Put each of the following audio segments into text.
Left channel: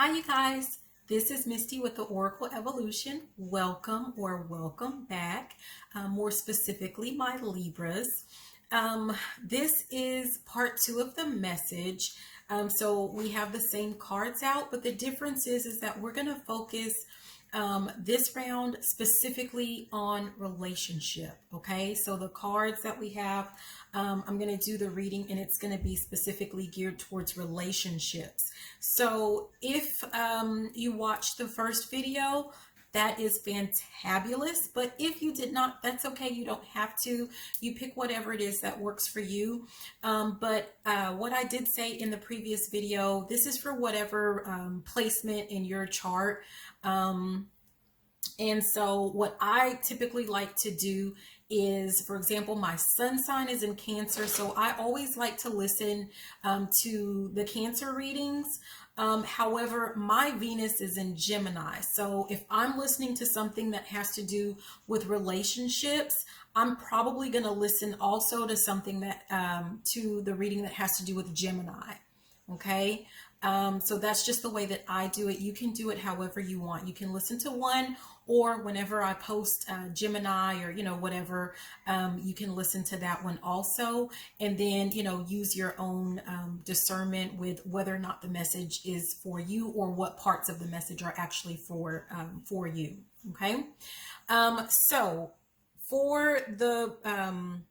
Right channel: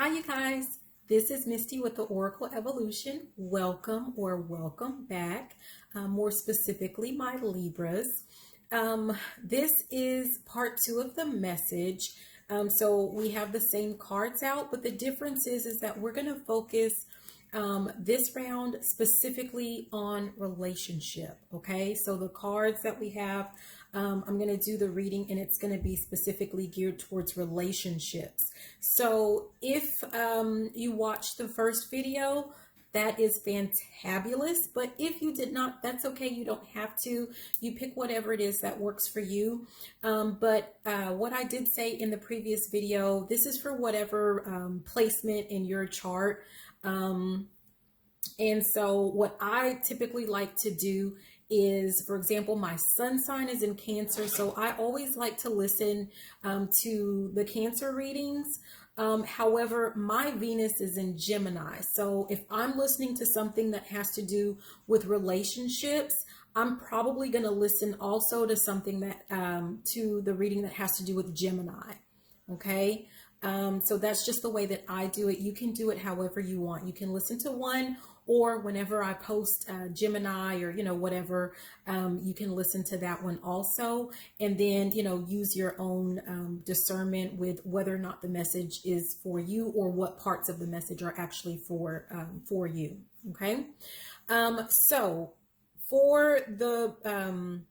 Hi, you guys. This is Misty with the Oracle Evolution. Welcome or welcome back. More specifically, my Libras. This is part 2 of the message. So we have the same cards out, but the difference is that we're going to focus this round specifically on relationship. Okay, so the cards that we have, I'm going to do the reading and it's going to be specifically geared towards relationships. So if you watched the first video, that is fantabulous. But if you did not, that's okay. You don't have to. You pick whatever it is that works for you. But what I did say in the previous video, this is for whatever placement in your chart. And so what I typically like to do is, for example, my sun sign is in Cancer. So I always like to listen to the Cancer readings. However, my Venus is in Gemini. So if I'm listening to something that has to do with relationships, I'm probably going to listen also to something that, to the reading that has to do with Gemini. Okay. So that's just the way that I do it. You can do it however you want. You can listen to one, or whenever I post Gemini or, whatever, you can listen to that one also. And then, use your own discernment with whether or not the message is for you or what parts of the message are actually for you. Okay. So for the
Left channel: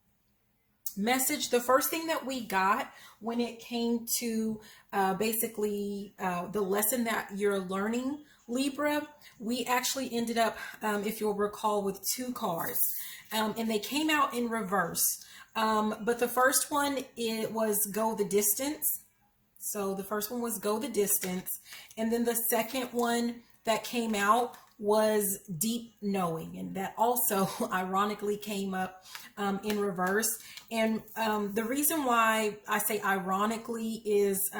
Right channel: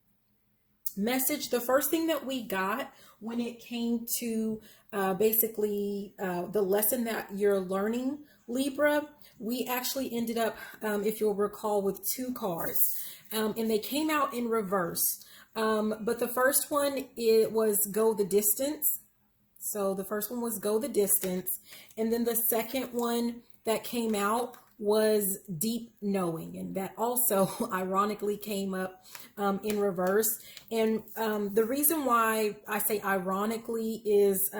message, the first thing that we got when it came to basically the lesson that you're learning, Libra, we actually ended up, if you'll recall, with 2 cards, and they came out in reverse. But the first one, it was Go the Distance. So the first one was Go the Distance. And then the second one that came out was Deep Knowing, and that also ironically came up in reverse. And the reason why I say ironically is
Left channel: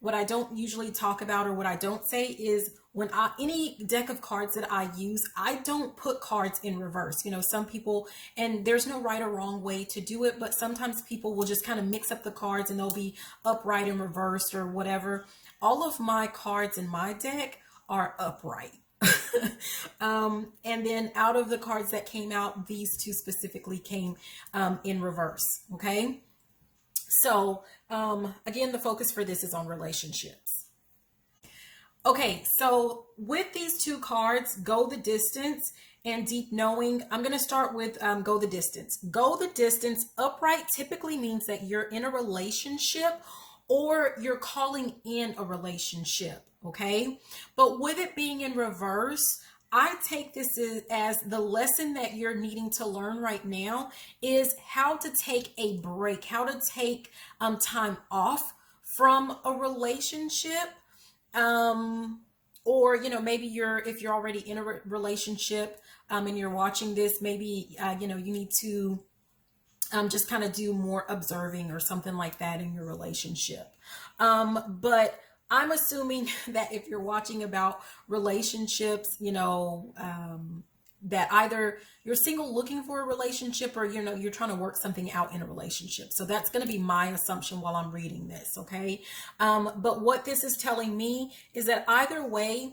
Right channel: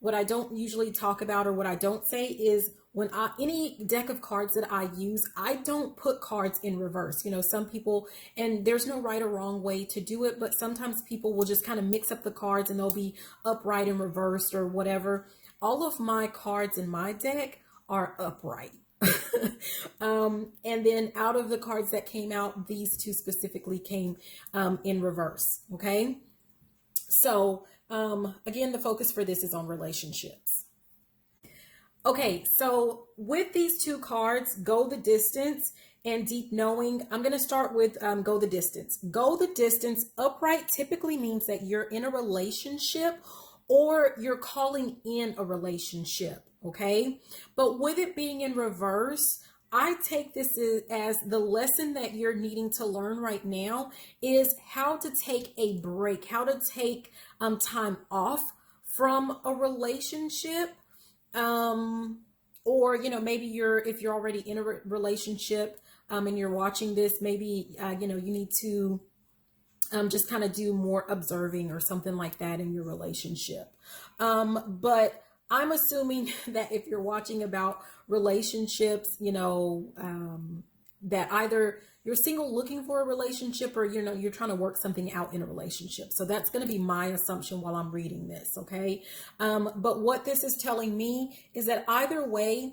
what I don't usually talk about, or what I don't say, is when any deck of cards that I use, I don't put cards in reverse. Some people, and there's no right or wrong way to do it, but sometimes people will just kind of mix up the cards and they'll be upright and reversed or whatever. All of my cards in my deck are upright. And then out of the cards that came out, these 2 specifically came in reverse. Okay. So again, the focus for this is on relationships. Okay. So with these 2 cards, Go the Distance and Deep Knowing, I'm going to start with Go the Distance. Go the Distance upright typically means that you're in a relationship or you're calling in a relationship. Okay. But with it being in reverse, I take this as the lesson that you're needing to learn right now is how to take a break, how to take time off from a relationship. Or, maybe if you're already in a relationship and you're watching this, maybe, you need to just kind of do more observing or something like that in your relationship. But I'm assuming that if you're watching about relationships, that either you're single looking for a relationship, or, you're trying to work something out in a relationship. So that's going to be my assumption while I'm reading this. Okay. But what this is telling me is that either way,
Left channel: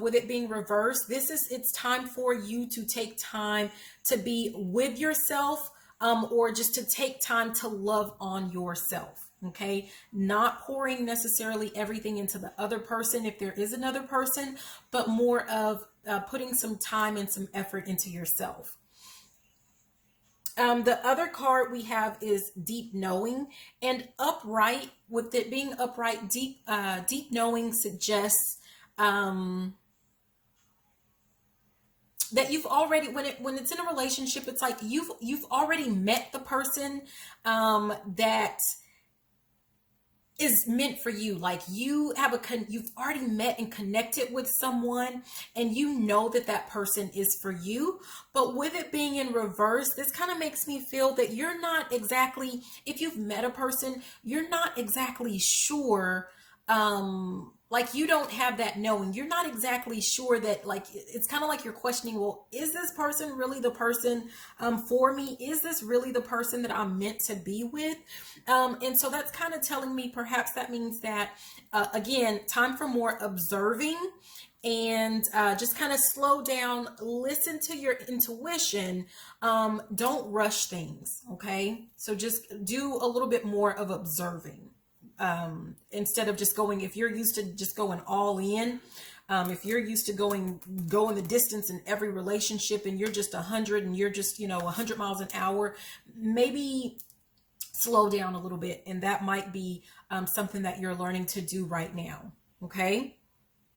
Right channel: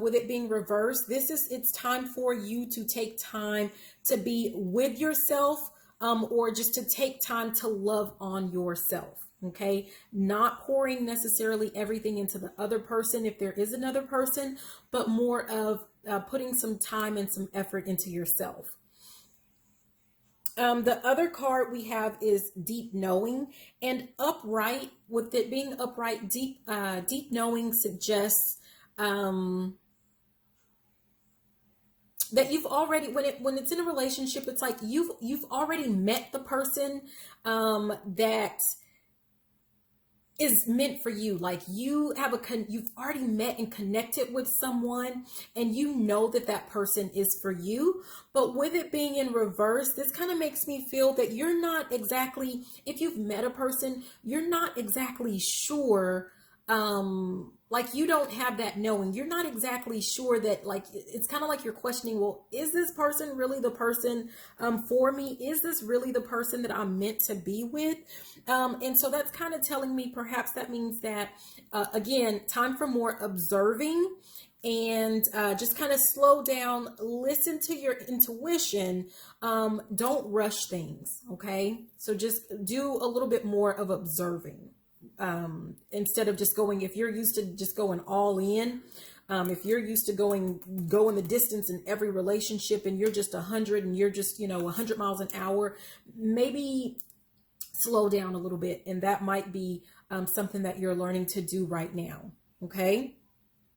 with it being reversed, it's time for you to take time to be with yourself, or just to take time to love on yourself. Okay, not pouring necessarily everything into the other person if there is another person, but more of putting some time and some effort into yourself. The other card we have is Deep Knowing, and upright. With it being upright, deep knowing suggests that you've already, when it's in a relationship, it's like you've already met the person that is meant for you. Like you've already met and connected with someone, and that person is for you. But with it being in reverse, this kind of makes me feel that you're not exactly, if you've met a person, you're not exactly sure like you don't have that knowing. You're not exactly sure that, like, it's kind of like you're questioning, well, is this person really the person for me? Is this really the person that I'm meant to be with? And so that's kind of telling me perhaps that means that, again, time for more observing, and just kind of slow down, listen to your intuition. Don't rush things. Okay. So just do a little bit more of observing. Instead of just going, if you're used to just going all in, if you're used to going the distance in every relationship, and you're just 100 and you're just, 100 miles an hour, maybe slow down a little bit. And that might be something that you're learning to do right now. Okay.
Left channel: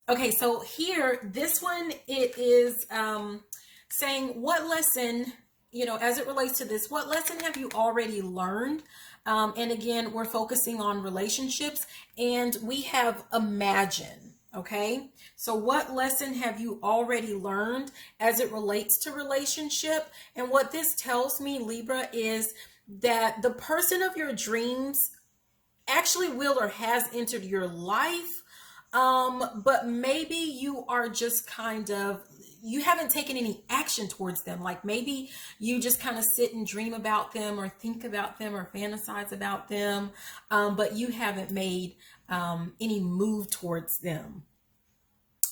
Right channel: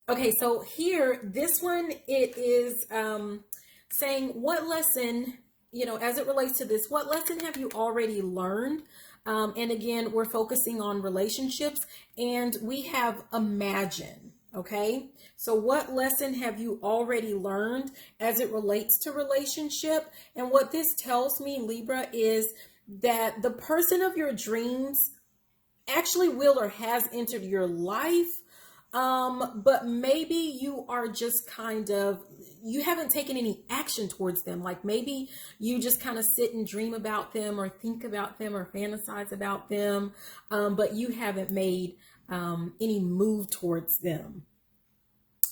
Okay. So here, this one, it is saying, what lesson, as it relates to this, what lesson have you already learned? And again, we're focusing on relationships, and we have imagine. Okay. So what lesson have you already learned as it relates to relationship? And what this tells me, Libra, is that the person of your dreams actually will or has entered your life. But maybe you are just you haven't taken any action towards them. Like maybe you just kind of sit and dream about them, or think about them, or fantasize about them. But you haven't made any move towards them.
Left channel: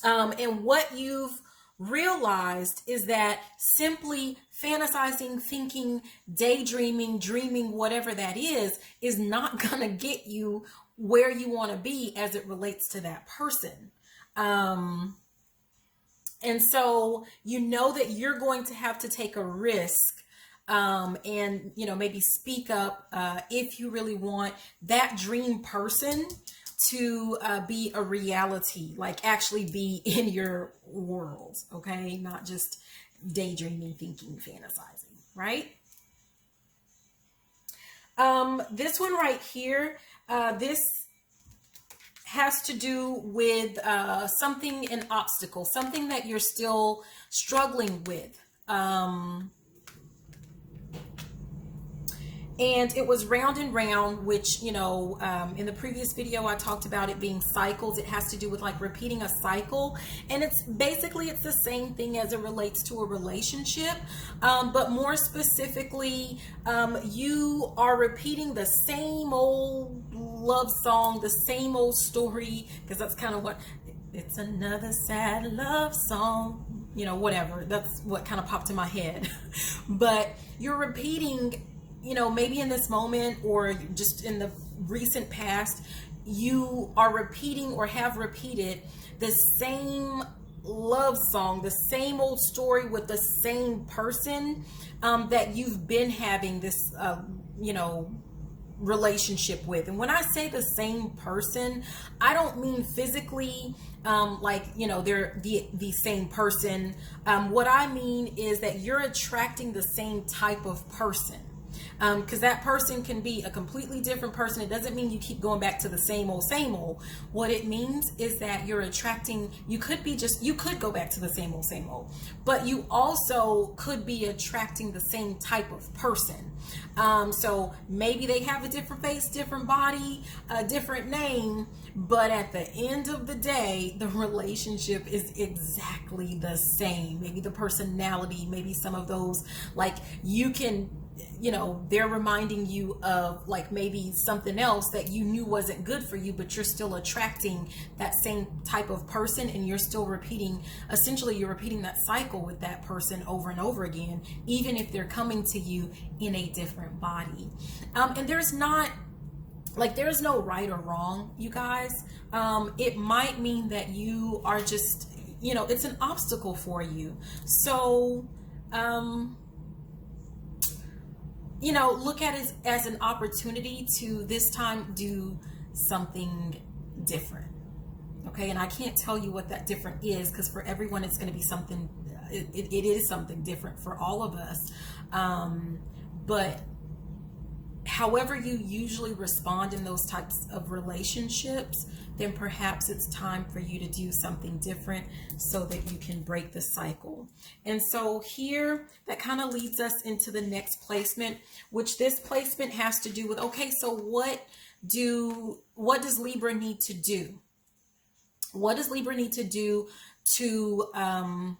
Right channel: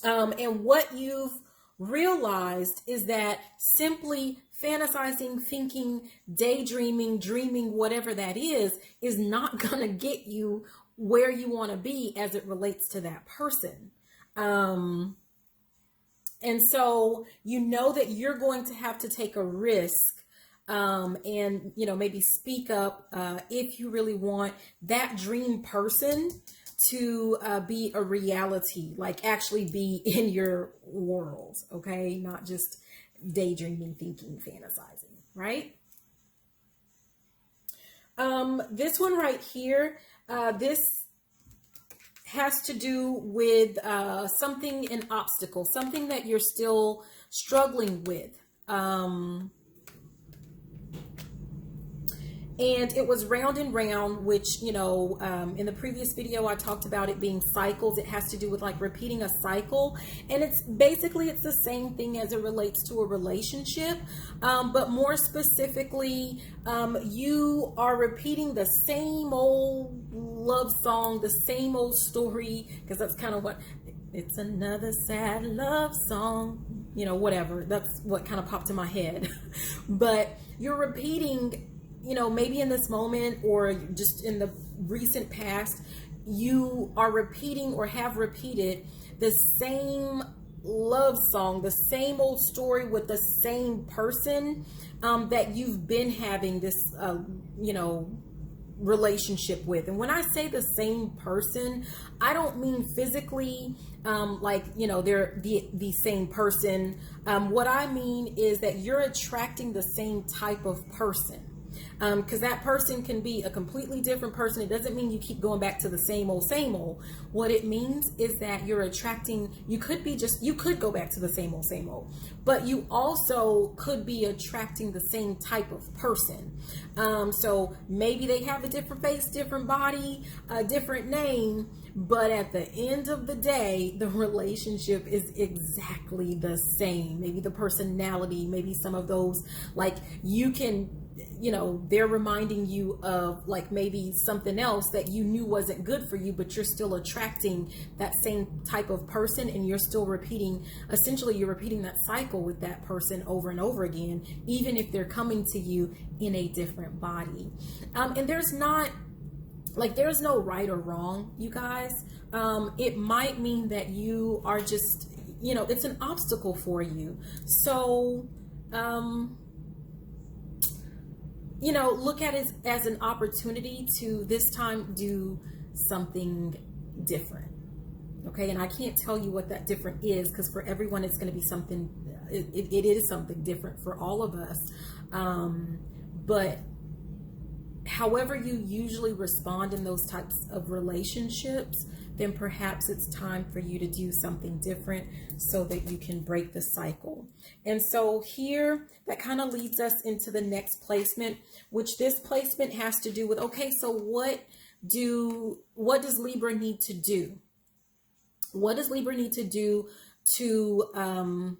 And what you've realized is that simply fantasizing, thinking, daydreaming, dreaming, whatever that is not going to get you where you want to be as it relates to that person. And so that you're going to have to take a risk, and maybe speak up if you really want that dream person to be a reality, like actually be in your world. Okay, not just daydreaming, thinking, fantasizing, right? This one right here, this has to do with an obstacle, something that you're still struggling with. And it was round and round, which, in the previous video, I talked about it being cycles. It has to do with like repeating a cycle. And it's the same thing as it relates to a relationship. But more specifically, you are repeating the same old love song, the same old story, because that's kind of what, it's another sad love song, whatever. That's what kind of popped in my head. But you're repeating, maybe in this moment or just in the recent past, you are repeating or have repeated the same love song, the same old story with the same person that you've been having this, relationship with. And when I say the same person, I don't mean physically, they're the same person. What I mean is that you're attracting the same type of person. Because that person can be a completely different person. It doesn't mean you keep going back to the same old, same old. What it means is that you're attracting, you could go back to the same old, but you also could be attracting the same type of person. So maybe they have a different face, different body, a different name, but at the end of the day, the relationship is exactly the same. Maybe the personality, maybe some of those, like you can, they're reminding you of like maybe something else that you knew wasn't good for you, but you're still attracting that same type of person, and you're still repeating that cycle with that person over and over again, even if they're coming to you in a different body. And there's no right or wrong, you guys. It might mean that you are just, it's an obstacle for you. So, look at it as an opportunity to this time do something different. Okay. And I can't tell you what that different is, because for everyone, it's going to be something, it is something different for all of us. But however you usually respond in those types of relationships, then perhaps it's time for you to do something different so that you can break the cycle. And so here, that kind of leads us into the next placement, which this placement has to do with, okay, so what what does Libra need to do? What does Libra need to do to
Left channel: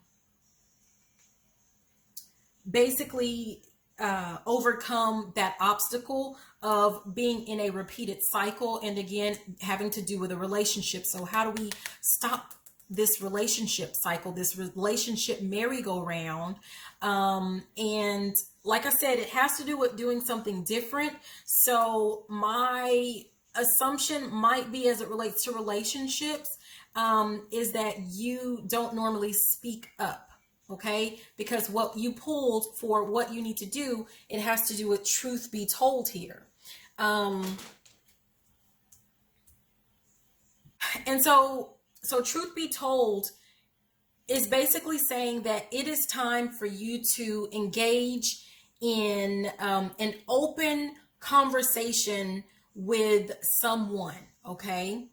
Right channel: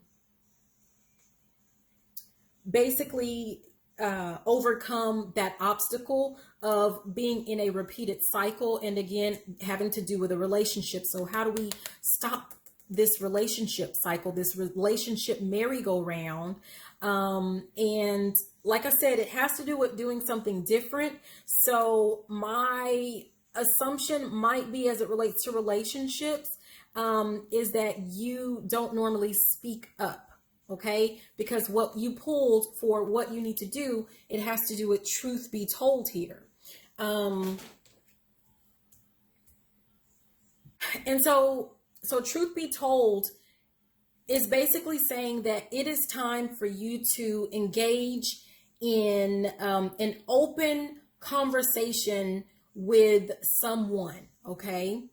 basically overcome that obstacle of being in a repeated cycle, and again having to do with a relationship? So how do we stop this relationship cycle, this relationship merry-go-round? And like I said, it has to do with doing something different. So my assumption might be, as it relates to relationships, is that you don't normally speak up. Okay, because what you pulled for what you need to do, it has to do with truth be told here. And so truth be told is basically saying that it is time for you to engage in an open conversation with someone. Okay.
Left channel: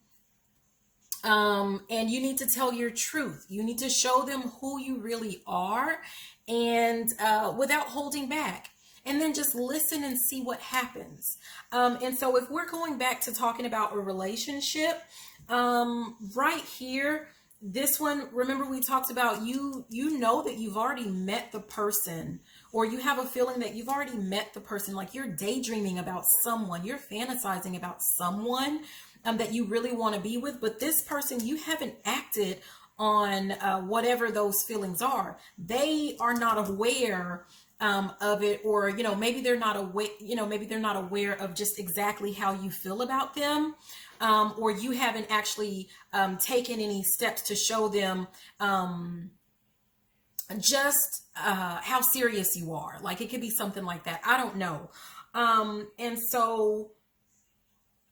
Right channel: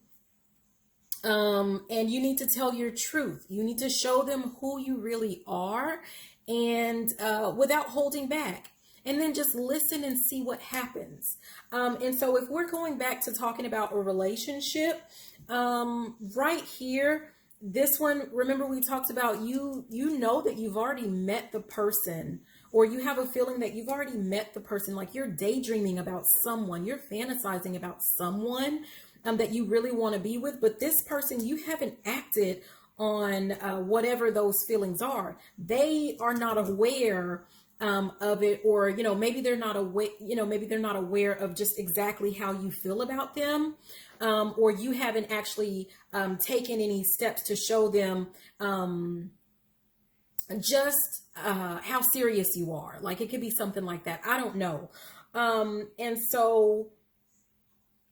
And you need to tell your truth. You need to show them who you really are, and without holding back. And then just listen and see what happens. And so if we're going back to talking about a relationship, right here, this one, remember we talked about you know that you've already met the person, or you have a feeling that you've already met the person, like you're daydreaming about someone, you're fantasizing about someone that you really want to be with, but this person, you haven't acted on whatever those feelings are. They are not aware of it, or maybe they're not aware. Maybe they're not aware of just exactly how you feel about them, or you haven't actually taken any steps to show them just how serious you are. Like it could be something like that. I don't know. And so,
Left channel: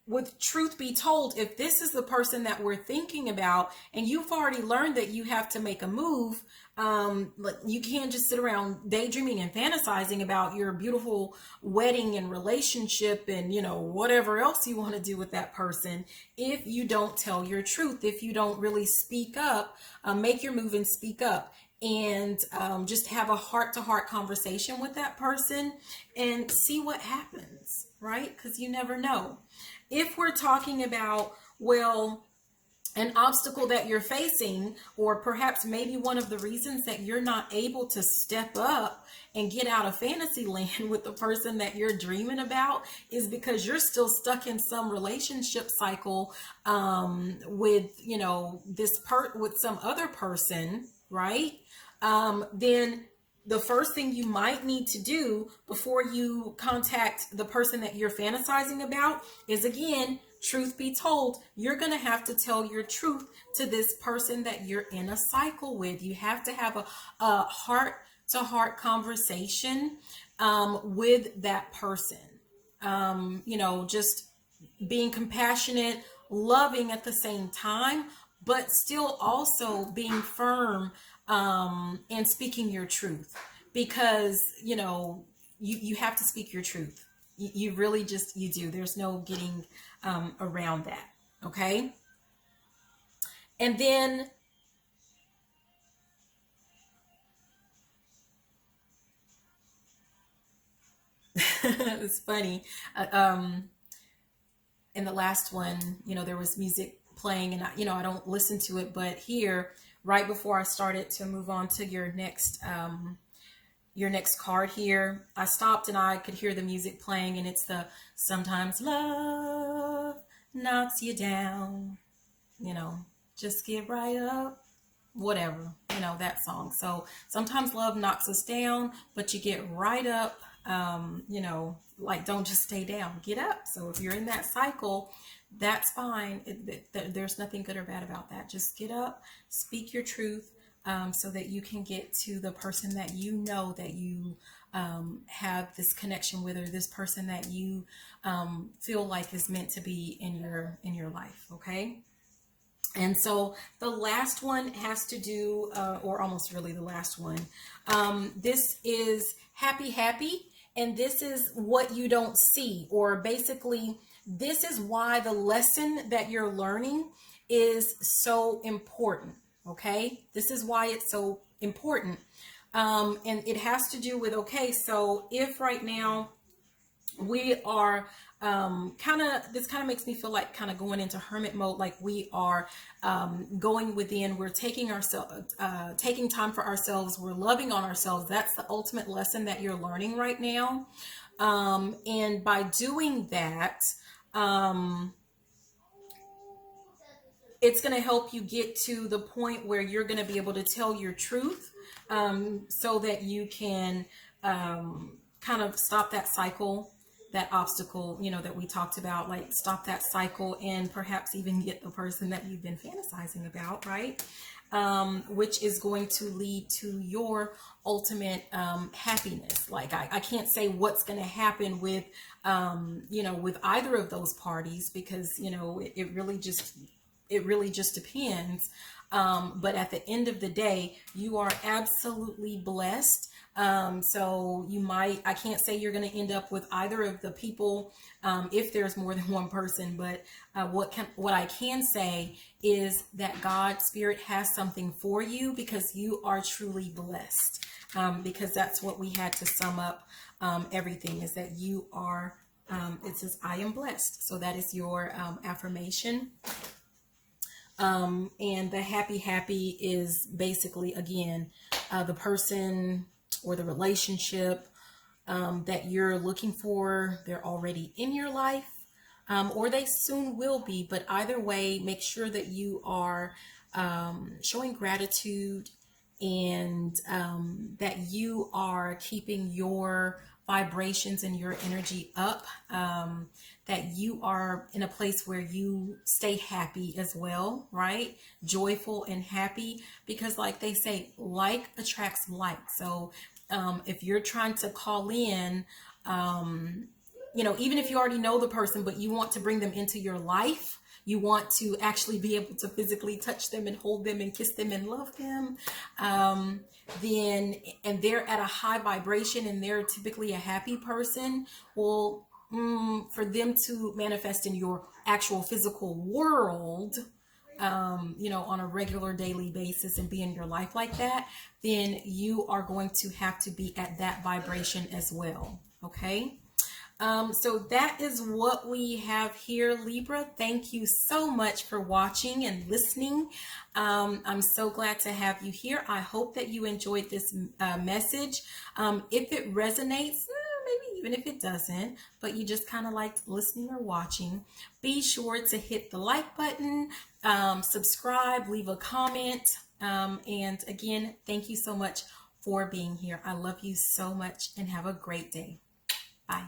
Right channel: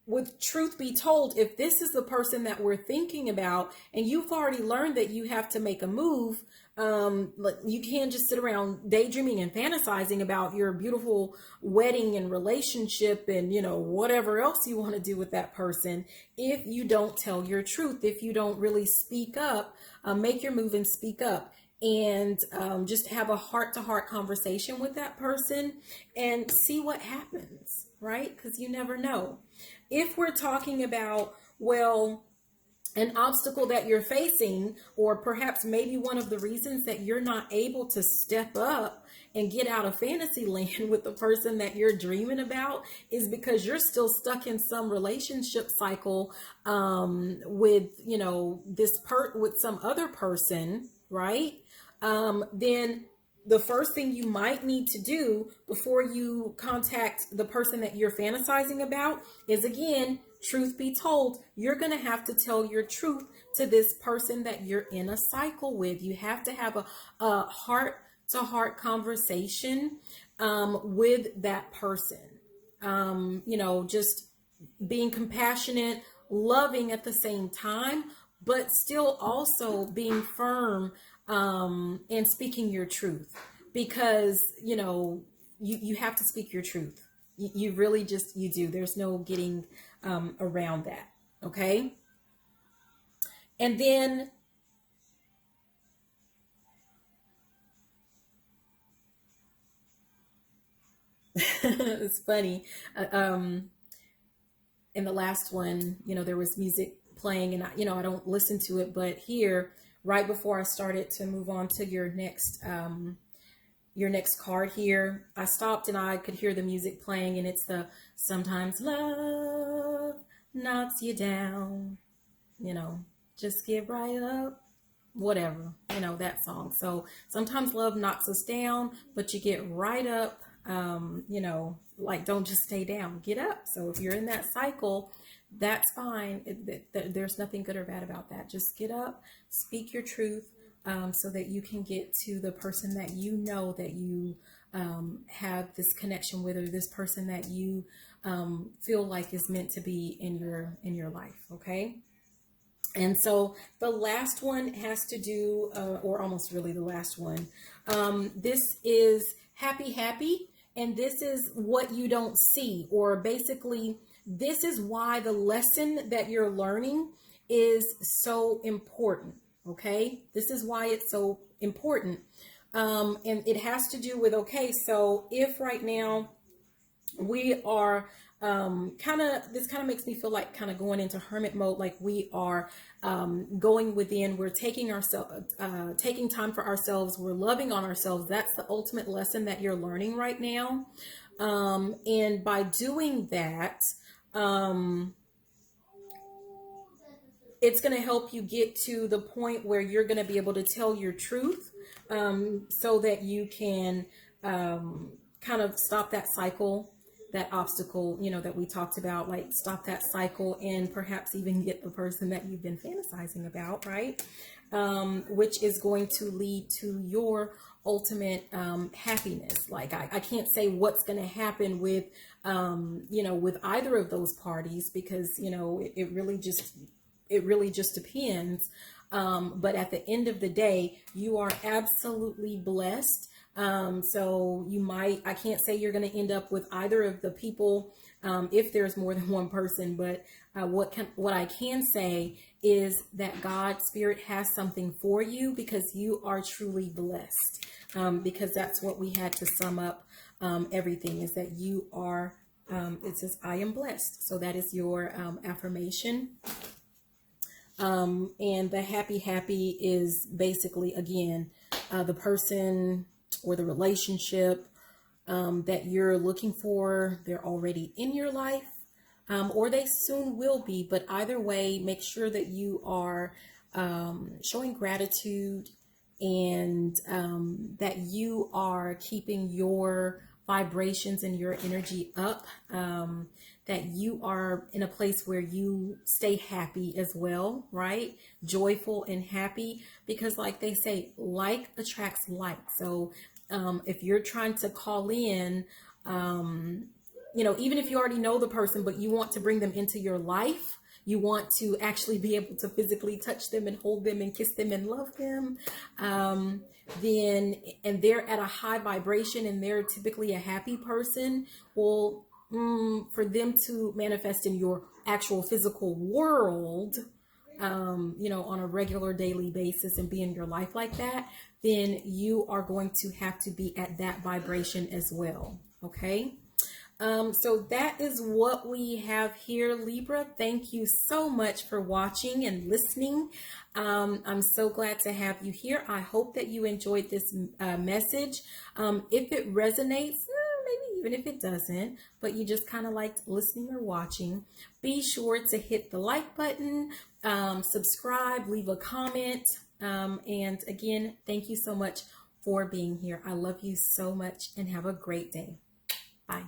with truth be told, if this is the person that we're thinking about, and you've already learned that you have to make a move, you can't just sit around daydreaming and fantasizing about your beautiful wedding and relationship and whatever else you want to do with that person, if you don't tell your truth, if you don't really speak up, make your move and speak up, and just have a heart-to-heart conversation with that person and see what happens, right? Because you never know. If we're talking about, well, an obstacle that you're facing, or perhaps maybe one of the reasons that you're not able to step up and get out of fantasy land with the person that you're dreaming about, is because you're still stuck in some relationship cycle with with some other person, right? Then the first thing you might need to do before you contact the person that you're fantasizing about is, again, truth be told, you're going to have to tell your truth to this person that you're in a cycle with. You have to have a heart-to-heart conversation with that person. Just being compassionate, loving at the same time, but still also being firm and speaking your truth, because you have to speak your truth. You really just, you do. There's no getting around that. Okay. And then it's funny. In the last one, there was music playing, and I don't listen to it, but here, right before I started to move on to your next card here, I stopped and I could hear the music playing, and it's the "Sometimes love knocks you down, just get right up," whatever, that song. So sometimes love knocks us down, but you get right up. Like, don't just stay down, get up. So if you're in that cycle, that's fine. There's nothing good or bad about that. Just get up, speak your truth, so that you can get to the person that that you have this connection with, or this person that you feel like is meant to be in your life. Okay. And so the last one has to do, or almost really the last one. This is happy. And this is what you don't see, or basically this is why the lesson that you're learning is so important. Okay. This is why it's so important. And it has to do with, okay, so if right now we are this kind of makes me feel like kind of going into hermit mode, like we are going within, we're taking ourselves, taking time for ourselves, we're loving on ourselves. That's the ultimate lesson that you're learning right now. And by doing that, it's going to help you get to the point where you're going to be able to tell your truth, so that you can kind of stop that cycle, that obstacle, you know, that we talked about, like stop that cycle and perhaps even get the person that you've been fantasizing about, right? Which is going to lead to your ultimate happiness. Like I can't say what's going to happen with, you know, with either of those parties, because, you know, it really just depends. But at the end of the day, you are absolutely blessed. So you might, I can't say you're going to end up with either of the people, if there's more than one person, but what I can say is that God's Spirit has something for you, because you are truly blessed. Because that's what we had to sum up everything, is that you are, it says, I am blessed. So that is your affirmation. And the happy is basically, again, the person or the relationship that you're looking for, they're already in your life, or they soon will be. But either way, make sure that you are showing gratitude, and that you are keeping your vibrations and your energy up, that you are in a place where you stay happy as well, right? Joyful and happy, because like they say, like attracts like. So if you're trying to call in, you know, even if you already know the person, but you want to bring them into your life, you want to actually be able to physically touch them and hold them and kiss them and love them, then, and they're at a high vibration and they're typically a happy person, well, for them to manifest in your actual physical world, you know, on a regular daily basis and be in your life like that, then you are going to have to be at that vibration as well. Okay. So that is what we have here, Libra. Thank you so much for watching and listening. I'm so glad to have you here. I hope that you enjoyed this message. If it resonates, maybe even if it doesn't, but you just kind of liked listening or watching, be sure to hit the like button, subscribe, leave a comment. And again, thank you so much for being here. I love you so much and have a great day. Bye.